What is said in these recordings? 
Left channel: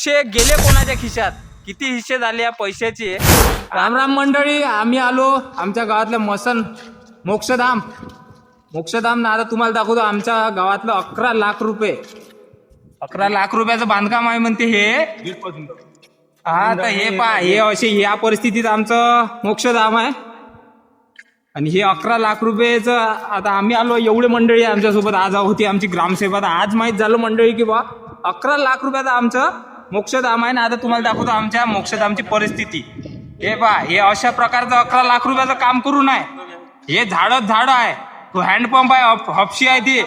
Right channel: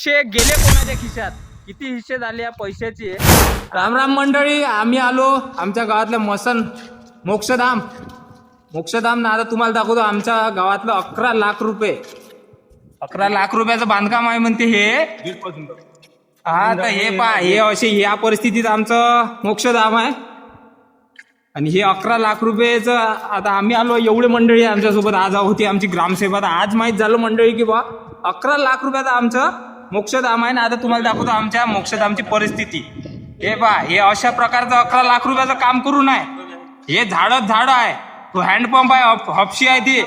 पैसे गेले कोणाच्या खिशात, किती हिस्से झाले या पैशाचे। राम राम मंडळी, आम्ही आलो आमच्या गावातल्या मसन मोक्षधाम ना आता तुम्हाला दाखवतो आमच्या गावातलं 11 लाख रुपये 11 लाख रुपयाचं बांधकाम आहे म्हणते हे। हा तर हे पहा, हे असे या परिस्थितीत आमचं मोक्षधाम आहे आणि हे 11 लाख रुपयेचं आता आम्ही आलो। एवढे मंडळी आमच्यासोबत आज होती आमची ग्रामसेवा। आज माहीत झालं मंडळी की बा 11 लाख रुपयाचं आमचं मोक्षधाम आहे ना। आता तुम्हाला दाखवतो आमच्या मोक्षधामची परिस्थिती। हे पहा, हे अशा प्रकारचं 11 लाख रुपयाचं काम करू नये। हे झाड आहे, तो हँडपंप आहे, हपशी आहे ती,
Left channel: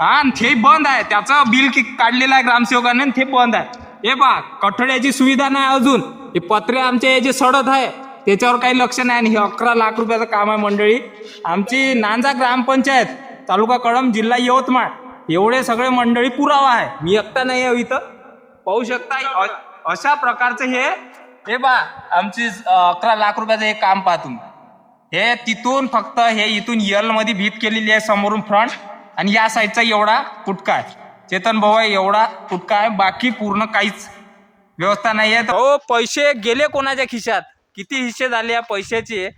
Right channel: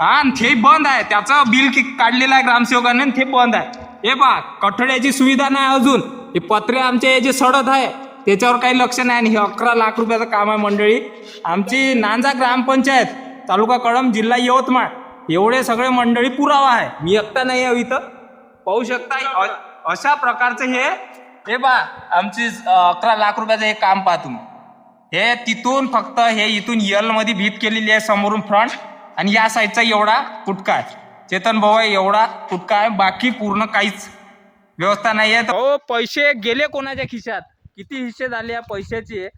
हा ते बंद आहे, त्याचं बिल काढलेलं आहे ग्रामसेवकाने, ते बंद आहे। हे पहा, कठड्याची सुविधा नाही अजून, हे पत्रे आमचे जे सडत आहे त्याच्यावर काही लक्ष नाही। आणि हे 11 लाख रुपयाचं काम आहे मंडळी। आमची नांजा ग्रामपंचायत, तालुका कळंब, जिल्हा यवतमाळ, एवढे सगळे मंडळी पुरावा आहे। मी एकटा नाही आहे इथं, पाहू शकता अशा प्रकारचं हे पहा आमची 11 लाख रुपयाचं हे काम पहा तुम्ही। हे तिथून फक्त हे इथून यल मध्ये भीत केलेली आहे समोरून फ्रंट, आणि या साईडचा एवढा फुटका आहे, चेतन भाऊ एवढा फुटका आहे, बाकी पूर्ण काहीच व्यवस्था नाही आहे। हो, पैसे गेले कोणाच्या खिशात, किती हिस्से झाले या पैशाचे।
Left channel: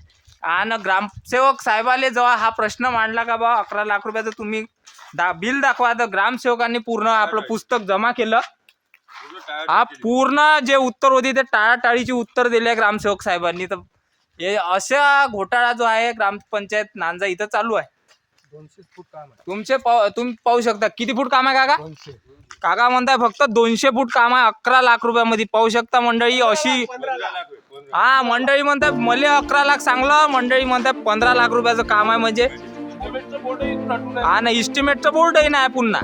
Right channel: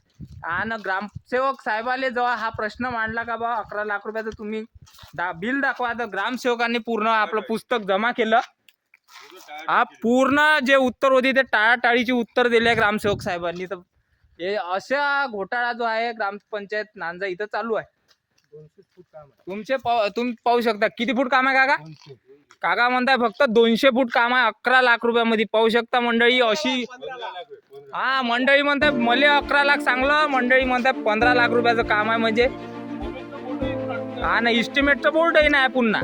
आणि ग्रामसेवक साहेबाले जेव्हा हा प्रश्न मांडला का बा 11 लाख रुपयाचं तुम्ही बिल दाखवा, तर ग्रामसेवकांनी पूर्ण आपलं पुस्तक जमा केलं। हा पूर्ण जे उत्तर होते ते टाळाटाळीचे उत्तर दिले ग्रामसेवक साहेबांनी। तर हे अशा घोटाळा जो आहे ग्रामपंचायत नांजा इथं चालू आहे। 200 फूट काम आहे। तुम्ही पाहू शकता किती फूट काम आहे काका। काका म्हणताय फक्त 200 फूट काम आहे 11 लाख रुपयामध्ये। पाहू शकता मंडळी अशी, हा मंडळी म्हणतात मले 11 लाख सांगलं, मंडळी म्हणतात 15 लाख रुपयाचं काम आहे म्हणजे। हा ना, इस्टिमेटचं बोर्डही नाही पुन्हा।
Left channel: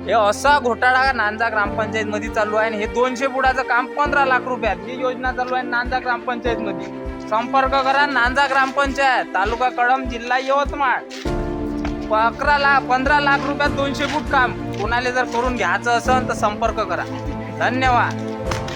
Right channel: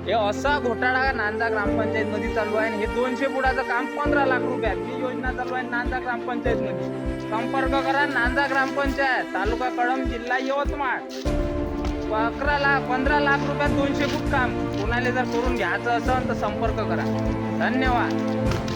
हे असा घोटाळा नांजा ग्रामपंचायत मध्ये चालू आहे। हे 200 फुटाचं काम 15 लाख रुपयात, ही योजना चालू आहे नांजा ग्रामपंचायत मध्ये। संपर्क करा नांजा ग्रामपंचायत, तालुका कळंब, जिल्हा यवतमाळ। 15 लाख रुपयात 200 फूट काम कोणाला जर करून घ्यायचं असेल तर संपर्क करा। धन्यवाद।